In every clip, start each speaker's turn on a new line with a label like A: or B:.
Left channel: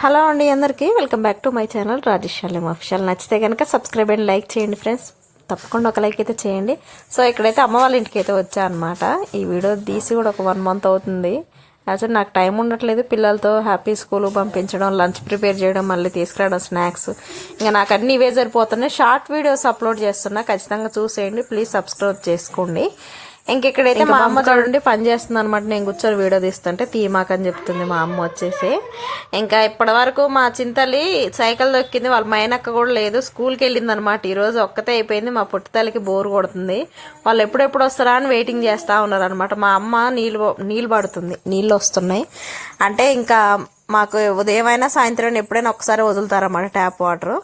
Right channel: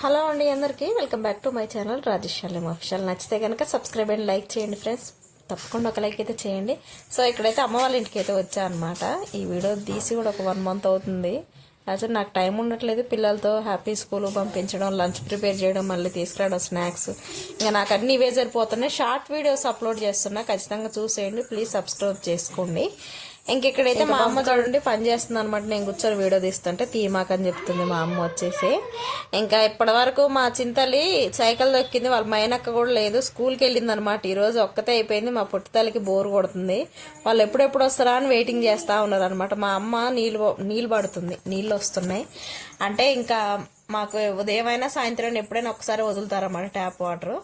A: Hello అండి అందరికీ. Welcome back to my channel Rajesh Aleem official. నచ్చితే కనుక సబ్స్క్రైబ్ అండ్ లైక్ చేయండి ఫ్రెండ్స్. తప్పకుండా ఒక లైక్ అయితే చేయండి. సో ఇక్కడైతే అమ్మ వాళ్ళ ఇంటికి అయితే వచ్చా అనమాట ఈ వీడియో తీసి కూడా ఒక వన్ మంత్ అవుతుంది. యాక్చువల్ నాకు టైం ఉండట్లేదు. పిల్లలతో హ్యాపీ స్కూల్ పంపించడం లంచ్ ప్రిపేర్ చేయడం మళ్ళీ తీసుకురావడం స్నాక్స్. ఇంకా నాకు అన్ని ఇవే సరిపోతున్నాయి. షార్ట్ వీడియోస్ అప్లోడ్ చేస్తున్నా. ఖచ్చితంగా చూసేయండి. ప్లీజ్ సబ్స్క్రైబ్ చేసుకోండి. ఇంక ఇక్కడైతే మా అమ్మ చూడండి పని చేస్తుంది అనమాట నేను కూర్చొని వీడియో తీస్తుంటే తీమాకని చెప్తుంది మా అమ్మ వచ్చేసి. ఇంకా ఇప్పటి వరకు మా చింతలి సైకిల్ దొక్కింది. వాళ్ళ మైనక్క కూడా లేదు. స్కూల్కి వెళ్ళింది అనమాట ఈ రోజు ఒక్కతే అయిపోయింది. మా పుట్టితల్లికి బోర్ కొడుతుంది. వాళ్ళు ఎప్పుడెప్పుడు వస్తారా అని వెయిటింగ్ చేస్తా ఉన్నారు అనమాట మా అమ్మ నీళ్ళు నీళ్ళు పడుతుంది. నీళ్ళు వస్తున్నాయి. అంటే ఇంకా మాకు ఉదయమైనా సాయంత్రం ఎప్పుడైనా ఒకసారి వదులుతారన్నమాట ట్యాప్ వాటర్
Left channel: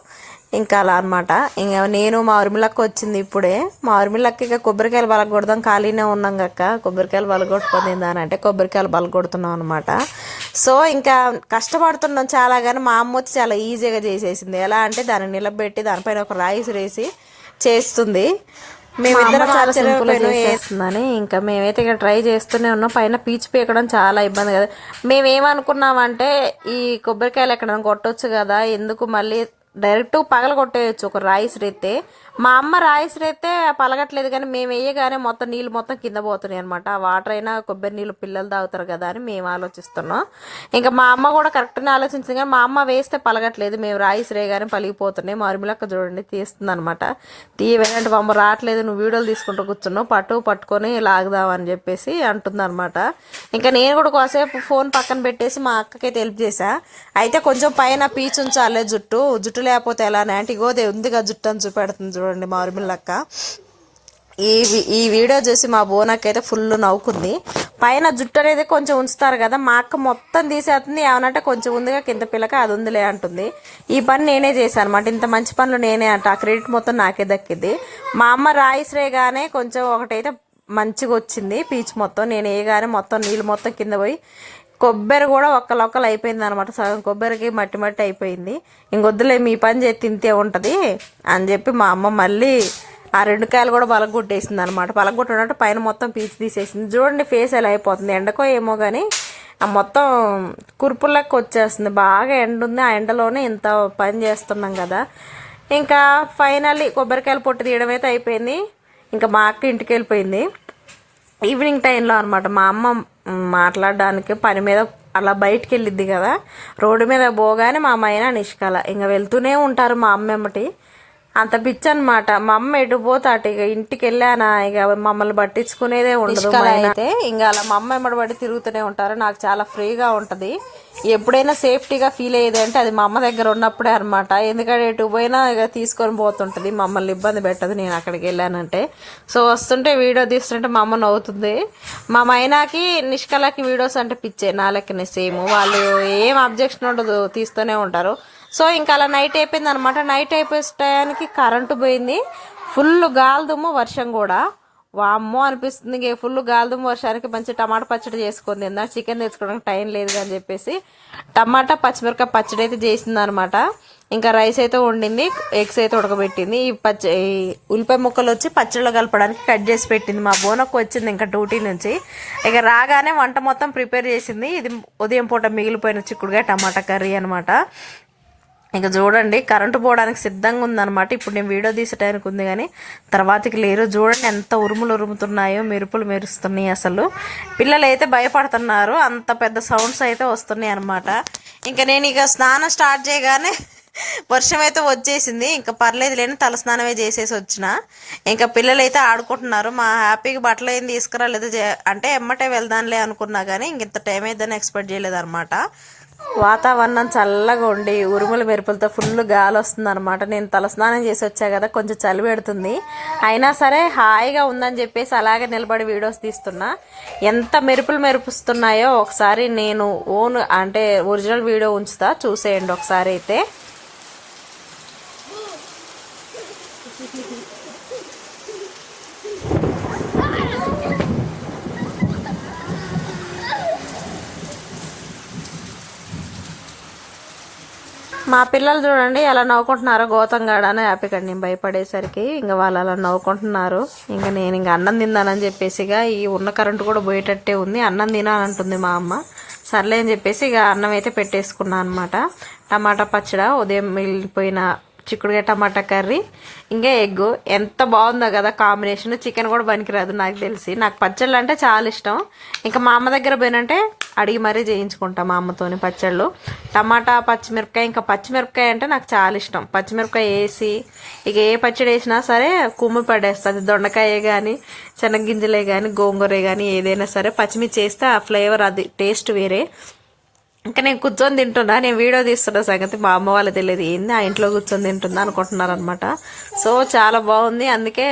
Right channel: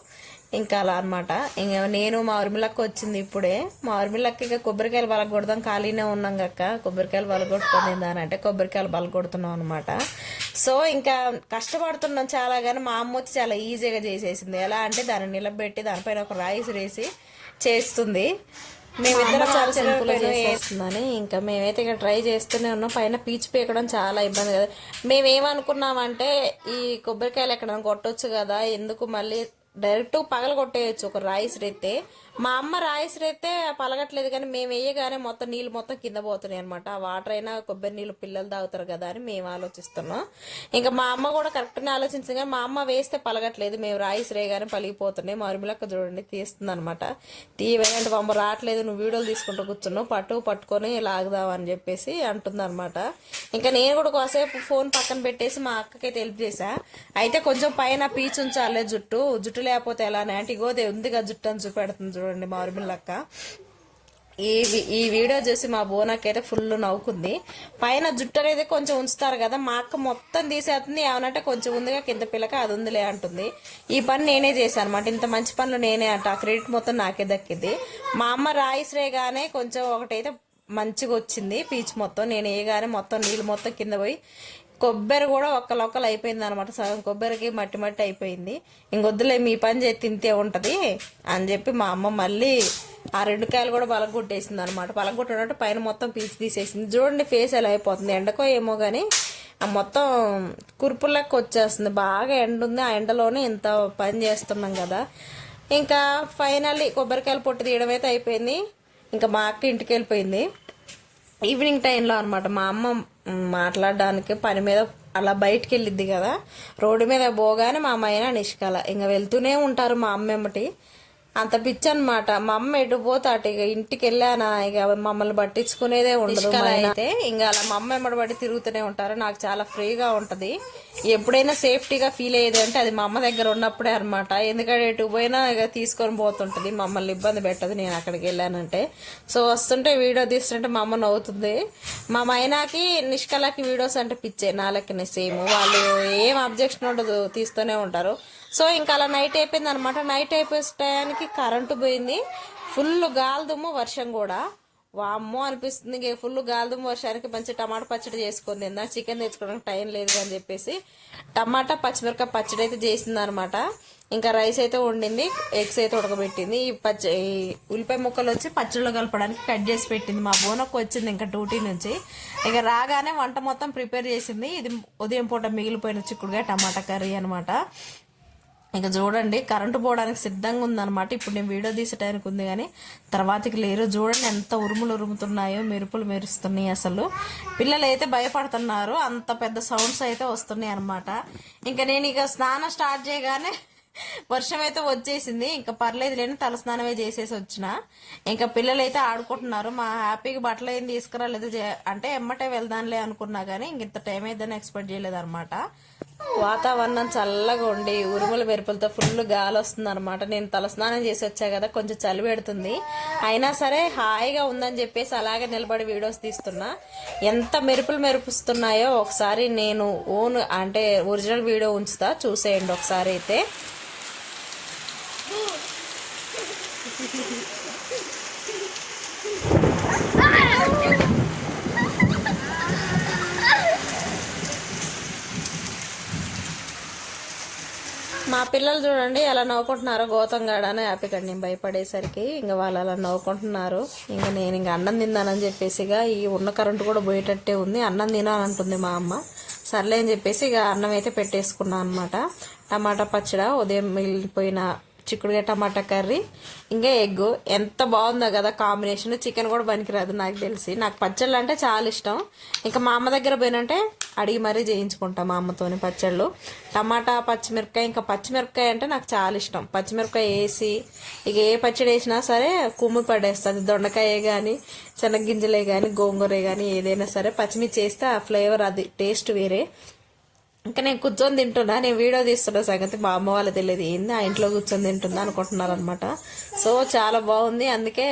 A: ఇంకా అలా అనమాట ఇంకా నేను మా ఉర్మిలక్క వచ్చింది ఇప్పుడే. మా ఉర్మిలక్క ఇక కొబ్బరికాయలు బలగొడదాం ఖాళీనే ఉన్నాం కక్క కొబ్బరికాయలు బలగొట్టుకొని అని అంటే కొబ్బరికాయలు బలగొడుతున్నాం అనమాట సో ఇంకా కష్టపడుతున్నాం చాలా కానీ మా అమ్మ వచ్చి చాలా ఈజీగా చేసేసింది. ఎలా అంటే దాన్ని నిలబెట్టి దానిపైన ఒక రాయిస్ వేసి చేస్తుంది. మేమిద్దరం చాలా సింపుల్ చేస్తుందని ఇంకా మేమైతే ఇక్కడ ట్రై చేస్తూనే ఉన్నాం. పైన పీచు పీకడం చాలా ఇబ్బంది కదా. మేమేమనుకున్నామంటే ఈ కొబ్బరికాయలు ఎక్కడ కొట్టొచ్చు కదా ఎందుకు మళ్ళీ డైరెక్ట్ పగల కొట్టేయచ్చు ఒక రాయిస్ రేతే మా అమ్మ రాయిస్ అయితే పలగట్లేదు కానీ మేము వేయగానే మొత్తం నీళ్ళు మొత్తం కింద పోతున్నాయి అనమాట ఆ వాటర్ అయినా కొబ్బరి నీళ్ళు పిల్లలు తాగుతారు కదా అని మేము ఆలోచిస్తున్నాం. ఇంకా మా అమ్మ కూడా కరెక్ట్గా ఆలోచించింది కానీ మా అమ్మ వేస్తే పలగట్లేదు. మేము రాయిస్ రేగానే పలిగిపోతున్నాయి. మారుమిలక్క చూడండి తీస్తుంది అనమాట తీయవేనంటే మా అమ్మ రావట్లేదు. నువ్వు వీడియోలు తీసుకుంటూ కూర్చున్నావు. పట్టు పట్టుకొని లాగుదామని చెప్పేసి అంటుందన్నమాట. ఇంకా నేను కూడా కాసేపు ఫోన్ పక్కన పెట్టేసి మా అక్కకైతే హెల్ప్ చేశా. అయితే కొంచెం పైన పీచు ఉంచాలే జుట్టు. జుట్టు లేకపోతే ఎలా? అంటే ఇగోదే ఉందిగా జుట్టు అని చూపెడుతుంది చూడండి మా లక్క ఈ ఈ వీడియో చూసి మా బోనాకైతే అయితే ఫుల్ నవ్వుకుంది. పైన జుట్టు అనేది కొంచెం ఉంచుతారు కదా మా అక్క మొత్తం తీసేస్తుంది. ఏమనంటే కొంచెం ఉందిగా కింద పిల్లక అది ఉందిలే అంటుంది. ఈ పని నేనే చేశాను అనమాట ఇంత మంచి పనులు నేనే అంట. ఆ క్రెడిట్ మొత్తం నాకే దక్కింది. మా అమ్మ రాయిస్రేగానే కొంచెం ఒకటైతే మంచిగా వచ్చింది. పీచ్ మొత్తం నేను వేయగానే మొత్తం నీళ్ళు మొత్తం కింద పోయి కొబ్బరి కూడా ఒక్కలొక్కలు అయిపోయింది అనమాట సగం కొబ్బరికి మట్టి మట్టి అయిపోయింది. ఇంకొద్దులే మీ పని చేసి తింటే ఉంటుంది అని చెప్పి మా అమ్మ మళ్ళీ ఆ రెండు కాయలు కూడా పలగొట్టేసింది అనమాట బలగొట్టడంటే పైన మొత్తం పీచు తీసేసింది. చూడండి ఫేస్ ఎలా అయిపోతుంది. ఎండకో ఏమో కానీ ఆ మొత్తం కురుపులకు వచ్చేస్తుంది. బాగా ఎండ ఉంది. ఆ ఎండలోనే ఇంత పని చేస్తున్నాం కదా. ఇంకా ఫైనల్లీ కొబ్బరికాయలు పొట్టు తీయడం అయితే అయిపోయింది. ఇంకా మా అక్క ఇంటికి వెళ్ళిపోయింది. ఈవినింగ్ టైంలో అనమాట మా అమ్మ మాట్లాడడానికి పని మీద అలా బయటికి వెళ్ళిద్ది కదా. రోడ్డు మీద పోగానే మా అమ్మాయిన నిష్కల. ఇంకా వెళ్తూనే ఉంటారు మా అమ్మ ఎమ్మటి. అంత పిచ్చి అనమాట మా అమ్మ ఎటు పోతే అటు ఇక ఇంటికి వెళ్ళానా ఇక మమ్మల్ని పట్టించుకునేదే ఉండదు అయితే ఇంకా అలా మా అమ్మ ఎమ్మడి పడి తిరుగుతూనే ఉంటారు. నాకు చాలా ఫ్రీగా ఉంటుంది. ఎప్పుడైనా సేఫ్టీగా ఫీల్ అయ్యేది అంటే అది మా అమ్మ దగ్గర ఉన్నప్పుడే అనమాట ఎందుకంటే ఎటు పోయినా ఇక తీసుకొని పోతుంటుంది. మమ్మల్ని ఇబ్బంది పెట్టదు. నేను అక్కడికి వెళ్ళానంటే. సో వస్తుంటే వీడియో తీస్తుంటే మా అమ్మ నవ్వుతుంది. మా మైనాకి నిష్కలకి వీడియోస్ అంటే పిచ్చే. నా లెక్కనే సేమ్. వాళ్ళు ఏం అబ్జెక్షన్ ఉండదు. తీస్తూనే ఉంటారు. సో ఇంకా అలా నైట్ అయిపోయింది అనమాట నైట్ అయిపోయే టయానికి కరెంటు పోయింది. ఫుల్ గాలిదుమ్ము వర్షం కూడా. వామ్మో అనిపిస్తుంది. ఇంక ఫుల్ గాలిదుమ్ము వర్షానికి మంచి టమాటా పచ్చడి చేసుకుంది తిందా. చికెన్ తెచ్చుకోవడానికి టైం లేదు అని చెప్పేసి టమాటా పచ్చిమిరపకాయ పచ్చడి అయితే చేసింది అనమాట ఇంకా రైస్ అయితే వండింది ఎగ్స్ అయితే ఉడకబెట్టింది. ఈ పచ్చి ఉల్లిపాయ ముక్కలు వచ్చి పచ్చడిలో కలపడానికి కట్ చేసి పెట్టింది. మా బోనకు వచ్చింది ఇంకా డ్యూటీ నుంచి. ఇక రాగానే వంట మొత్తం ప్రిపేర్ చేసింది. ఇది ఉదయం పూట మిగిలిపోయిన చిక్కుడుగా టమాటా కర్రీ అనమాట ఇంకా చూడండి కరెంటు పోవడానికి సిద్ధంగా ఉందన్నమాట. ఇప్పుడు నేను వీడియో తీసే టైంకి ఉంది కానీ తర్వాతకి లేరు. చూడండి ఎంత ఉరుములు ఉరుముతున్నాయో మెరుపులు మెరుస్తున్నాయి అసలు. పిల్లలు అయితే భయపడుతున్నారు. అంత పెద్ద సౌండ్స్ అయితే వస్తున్నాయి అనమాట ఇంకా నేను ఇక స్నానం స్టార్ట్ చేయగానే వర్షం అయితే వచ్చేసింది. ఇంకా పర్లేదు లేని తలస్నానమే చేసేసి వచ్చిన. ఇంకా పిల్లలు అయితే ఆడుకుంటున్నారు. మా హ్యాపీగా బట్టలు ఏం తీసుకురాలేదు. అంటే ఎమ్మటే వెళ్దాంలే అనుకున్నా కానీ ఇంత టైం అయిద్దని ఎక్స్పెక్ట్ చేయలేదు అనమాట వాతావరణం చల్లగా ఉండి ఉరుముల మెరుపులతో ఫుల్ గాలి వస్తుంది అనమాట నేను తలస్నానం చేసి వచ్చా కదా కొంచెం చలి పెడుతుంది. అయినా సరే హాయిగా ఉందని చెప్పేసి అలాగే నిలబడి వీడియోస్ తీస్తున్నా. ఎంత మెరుపులు మెరుపుస్తున్నాయో ఒకసారి నేను ఓన్ అంటే ఒరిజినల్ వీడియో ఉంచుతా. చూసేయండి ఒకసారి అయితే. మా పిల్లలు చూడండి అలా నవ్వుకుంటున్నారు గౌతంగాడ అని హ్యాపీకండి నేను భయపడేసరికి ఇంకా వాళ్ళు అలా నవ్వుకుంటున్నారు. ఇంకా నేను ఇంకా అన్నం తిన్నానని చెప్పేసిగా ఈ ఉన్న కరెంటు కూడా పోయేటట్టే ఉంది. అన్నం తినాలంటుంది మా అమ్మ. సర్లే అని చెప్పేసి ఇక అన్నం అయితే పెట్టేసుకున్నాను అనమాట టమాటా పచ్చడి ఉదయం మిగిలిపోయిన చిక్కుడుగా టమాటా కర్రీ. ఇంకా ఎగ్. ఎంత బాగుందో కదా కాంబినేషన్ చికెన్ కూడా పనికిరాదు నాకు తెలిసి. నాకు పచ్చళ్ళు అంటే చాలా ఇష్టం. ఇంకా మా అమ్మ దగ్గర పోయినంటే అడిగి మరీ చేయించుకుంటాం మా అమ్మతోని పచ్చళ్ళు. టమాటా పచ్చిమిరపకాయ ఇంకా పచ్చిమిరపకాయ అంటే నాకు చాలా ఇష్టం. పచ్చిమిరపకాయ వేసి ఇక ఏ పచ్చడి వేసినా సరే కుమ్మి పడేస్తుంది. దొండకాయ కానీ శనగ్గింజలే కానీ గోంగూరే కానీ ఏదైనా సరే పచ్చిమిర్చి వేస్తే ఆ ఫ్లేవర్ అది టేస్ట్ వేరే. ఇంకా నేను కూర్చొని తింటున్నా నేను వీడియో తీస్తున్న సంగతి మా అమ్మ వాళ్ళకి తెలియదు. ఏంది ఆ ఇంట్లో కూర్చొని తింటున్నా అనుకుంటున్నారు అనమాట సో చాలా బాగుంది అందుకే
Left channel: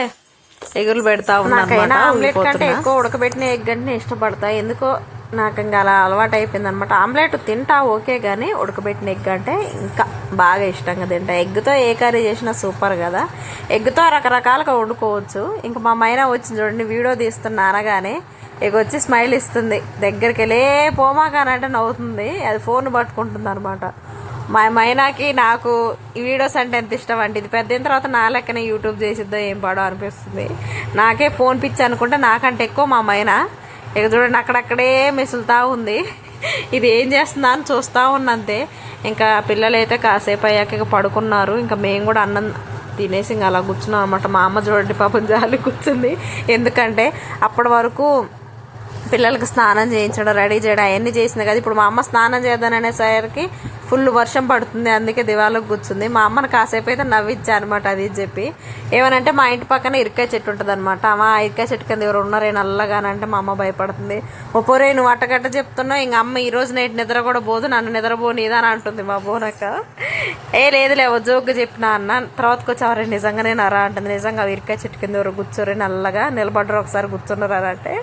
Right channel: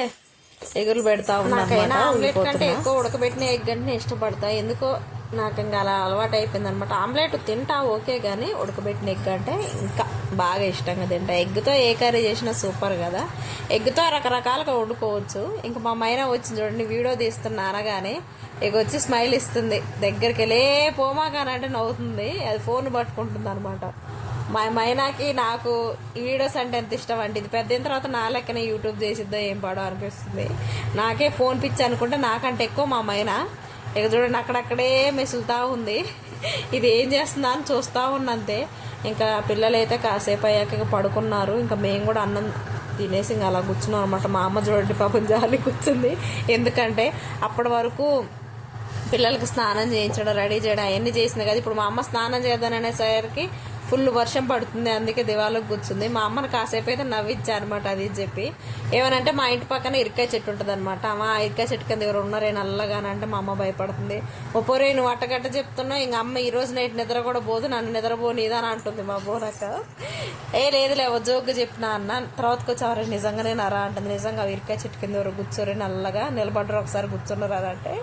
A: ఎగురు పెడతా ఉన్నా ఆమ్లెట్ కంటే ఎక్కువ ఉడకబెట్టిన ఎగ్ అంటే ఇష్టపడతా. ఎందుకో నాకు ఇంకా అలా అలవాటు అయిపోయింది అనమాట ఆమ్లెట్ తింటా ఓకే కానీ ఉడకబెట్టిన ఎగ్ అంటే ఇంకా బాగా ఇష్టంగా తింటా. ఎగ్తో ఏ కర్రీ చేసినా సూపర్ కదా. ఎగ్తో రకరకాలుగా వండుకోవచ్చు. ఇంకా మా మైనా వచ్చింది చూడండి వీడియో తీస్తున్నా అనగానే ఇక వచ్చి స్మైల్ ఇస్తుంది. దగ్గరికి వెళ్ళే పోమాకానంటే నవ్వుతుంది. అది ఫోన్ పట్టుకుంటుంది అనమాట మా మైనాకి నాకు ఈ వీడియోస్ అంటే ఎంత ఇష్టం అండి ఇది పెద్దయిన తర్వాత నా లెక్కనే యూట్యూబ్ చేసిద్దో ఏం పాడో అనిపిస్తుంది. నాకే ఫోన్ పిచ్చి అనుకుంటే నాకంటే ఎక్కువ మా మైనా ఇక చూడండి అక్కడక్కడే మిసులుతూ ఉంది. ఇది ఏం చేస్తుందా అని చూస్తూ ఉన్నంతే ఇంకా పిల్లలైతే కాసేపు అయ్యాక ఇక పడుకున్నారు. ఇంకా మేము కూడా అన్నం తినేసి ఇంకా అలా కూర్చున్నాం అనమాట మా అమ్మ చూడండి పాపం జాలి కూర్చుంది. ఎందుకంటే అప్పటి వరకు పిల్లలకి స్నానం చేయించడం రెడీ చేయడం అవన్నీ చేసింది కదా. ఇప్పుడు మా అమ్మ స్నానం చేద్దాననేసరికి ఫుల్ వర్షం పడుతుంది అందుకే దివాలకు కూర్చుంది. మా అమ్మను కాసేపు అయితే నవ్విచ్చా అనమాట అది చెప్పి. ఏమనంటే మా ఇంటి పక్కన ఇరకాయ చెట్టు ఉంటుంది అనమాట మా ఇరకాయ చెట్టు కింద ఎవరు ఉన్నారే నల్లగానంటే మా అమ్మ భయపడుతుంది. ఒపోరే నువ్వు అట్టగట్ట చెప్తున్నావు ఇంక అమ్మ ఈ రోజు నైట్ నిద్ర కూడా పోదు నన్ను నిద్రపోనిదా అని అంటుంది మా బోనక్క. ఏ లేదులే ఓ జోక్గా చెప్పినా అన్న. తర్వాతకి వచ్చి నిజంగానే నరా అంటుంది. నిజంగా ఇరకాయ చెట్టు కింద ఎవరు కూర్చోరే నల్లగా నిలబడరు ఒకసారి కూర్చున్నారు అని అంటే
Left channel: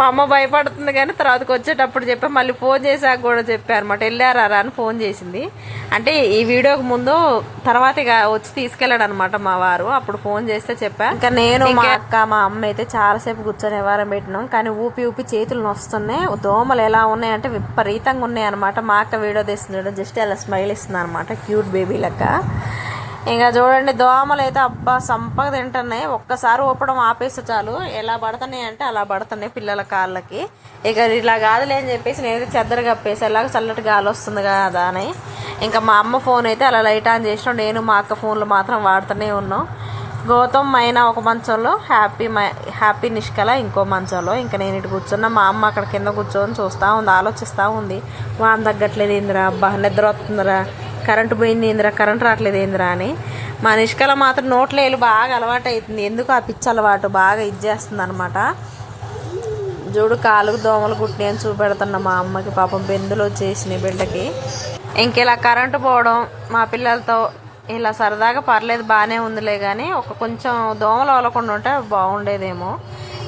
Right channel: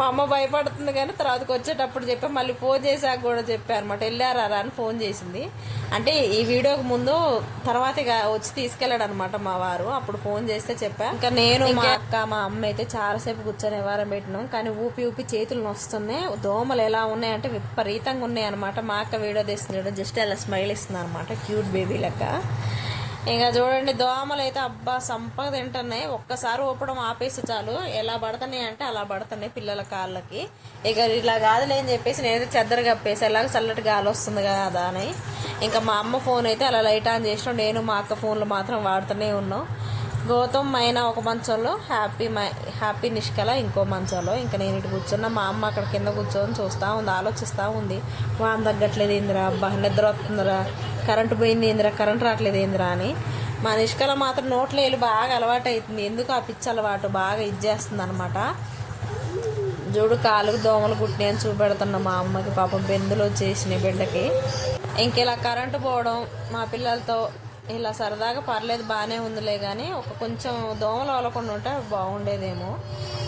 A: మా అమ్మ భయపడుతుంది కానీ తర్వాతకి వచ్చేటప్పుడు చెప్పి. మళ్ళీ ఫోన్ చేశాక కూడా చెప్పారు అనమాట వెళ్ళారా అని ఫోన్ చేసి చేసింది. అంటే ఈ వీడియోకి ముందు తర్వాత ఇక వచ్చి తీసుకెళ్ళాడు అనమాట మా వారు. అప్పుడు ఫోన్ చేస్తే చెప్పా. ఇంకా నేను మా అక్క మా అమ్మ అయితే చాలాసేపు కూర్చొని వ్యవహారం పెట్టినాం. కానీ ఊపి ఊపి చేతులు నొస్తున్నాయి. దోమలు ఎలా ఉన్నాయంటే విపరీతంగా ఉన్నాయి అనమాట మా అక్క వీడియో తీస్తున్నాడు. జస్ట్ అలా స్మైల్ ఇస్తుంది అనమాట క్యూట్ బేబీ లెక్క. ఇంకా చూడండి దోమలు అయితే అబ్బా సంపగ తింటున్నాయి. ఒక్కసారి ఊపడం ఆపేస్తే చాలు. ఎలా పడుతున్నాయి అంటే అలా పడుతున్నాయి పిల్లల కాళ్ళకి. ఇక ఇలా కాదులే అని చెప్పేసి నేనైతే చెద్దర కప్పేసి ఎలాగ చల్లటి గాలి వస్తుంది కదా అని. ఇంకా మా అమ్మ ఫోన్ అయితే అలా లైట్ ఆన్ చేసినాం. నేను మా అక్క ఫోన్లు మాత్రం వాడుతూనే ఉన్నాం. గౌతమ్ మైనా ఒక మంచంలో హ్యాపీ మై హ్యాపీ నిష్కల ఇంకో మంచంలో ఇంకా నేను ఇటు కూర్చున్నా. మా అమ్మ అక్కడ కింద కూర్చొని చూస్తూ ఉంది ఆలోచిస్తూ ఉంది. వాన తగ్గట్లేదు ఏందిరా అబ్బా నిద్ర వస్తుందిరా. కరెంటు పోయింది ఏందిరా కరెంట్ రావట్లేదు ఏందిరా అని. మా నిష్కల మాత్రం నోట్లేలు బాగా అలవాటు అవుతుంది ఎందుకు ఆ పిచ్చి అలవాటు? బాగా ఇచ్చేస్తుంది అనమాట చూడు కాలుకు దోమలు కుట్టినాయి అని చూపెడుతున్నా మా అమ్మకి పాపం బెందులు వచ్చేసినాయి బిడ్డకి. ఇంకెలా కరెంటు పోవడం? మా పిల్లలతో ఇలా సరదాగా పర్లేదు బాగానే ఉందిలే కానీ ఒక కొంచెం దోమలు వలకుండా ఉంటే బాగుండేదేమో.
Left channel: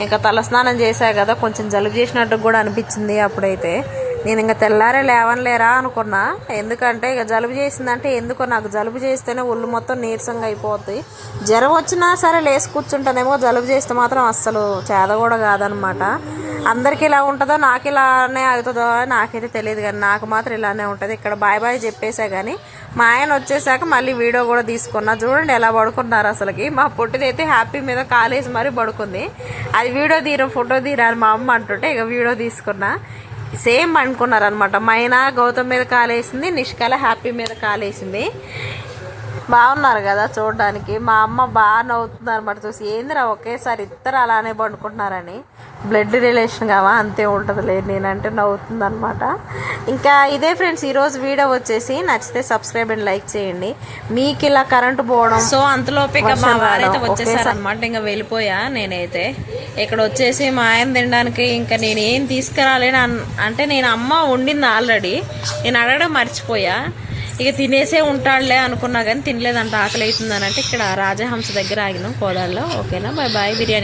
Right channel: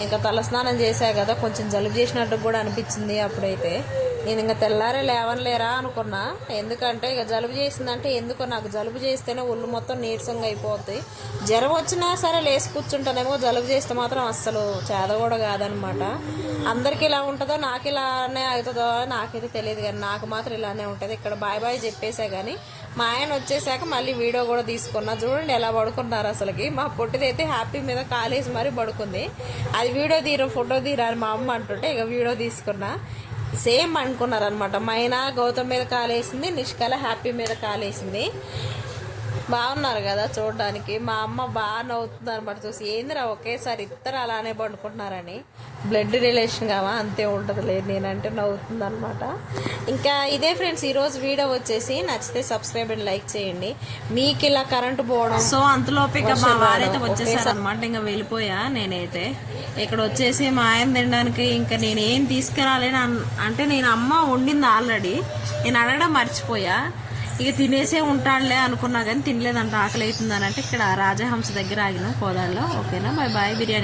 A: ఇంకా తలస్నానం చేశా కదా కొంచెం జలుబు చేసినట్టు కూడా అనిపించింది అప్పుడైతే. నేను ఇంకా తెల్లారే లేవనలేరా అనుకున్నా. ఎందుకంటే ఇక జలుబు చేసిందంటే ఎందుకో నాకు జలుబు చేస్తేనే ఒళ్ళు మొత్తం నీరసంగా అయిపోద్ది. జ్వరం వచ్చినా సరే లేసి కూర్చుంటానేమో జలుబు చేస్తే మాత్రం అస్సలు చేద కూడా కాదనమాట. అందరికి ఇలా ఉంటుందో నాకు ఇలానే అవుతుందో అని నాకైతే తెలియదు కానీ నాకు మాత్రం ఇలానే ఉంటుంది. ఇక్కడ బాయ్ బాయ్ చెప్పేసా కానీ మా ఆయన వచ్చేసాక మళ్ళీ వీడియో కూడా తీసుకున్నా. చూడండి ఎలా పడుకున్నారు అసలుకి. మా పొట్టిదైతే హ్యాపీ మీద కాలేజ్ మరీ పడుకుంది. అది వీడియో తీరు ఫోటో తీరా అని మా అమ్మ అంటుంటే ఇక వీడియో తీసుకున్నా. సేమ్ అనుకున్నారు అనమాట మైనా గౌతమ్ మీద కాలేసింది నిష్కల హ్యాపీ మీద కాలేసింది. బాగున్నారు కదా చూడడానికి. మా అమ్మ బాగా నవ్వుతుంది అనమాట చూసి ఏందిరా ఒకేసారి ఇద్దరు అలానే పండుకుంటున్నారని. బ్లడ్ రిలేషన్ కావా? అంతే ఉంటుంది లేదు నేనంటే నవ్వుతుంది అనమాట ఇంకా ఇదే ఫ్రెండ్స్ ఈరోజు వీడియో వచ్చేసి నచ్చితే సబ్స్క్రైబ్ అండ్ లైక్ చేయండి. మీకు ఇలా కరెంటు పోవడం
B: సో అంతలోపు ఇక మా
A: వర్షం
B: వారైతే
A: రావడం,
B: వచ్చేసారు అనమాట ఇంకా వెళ్ళిపోయా నేనైతే. ఇక్కడ వచ్చేసి మా ఆయన తినడానికి ఇంకా నేను ఏం తీసుకురాలేను అంటే నేను అమ్మ వండింది ఆల్రెడీ. నేను అడగడం మర్చిపోయా. ఇక తినేసే ఉంటాడులే అనుకున్నా కానీ తినలేదంట ఆకలి అవుతుందని అంటే ఇక్కడ రాజహంస దగ్గర ఆగినాం కోదాల్లో ఓకేనా? Bye bye. బిర్యానీ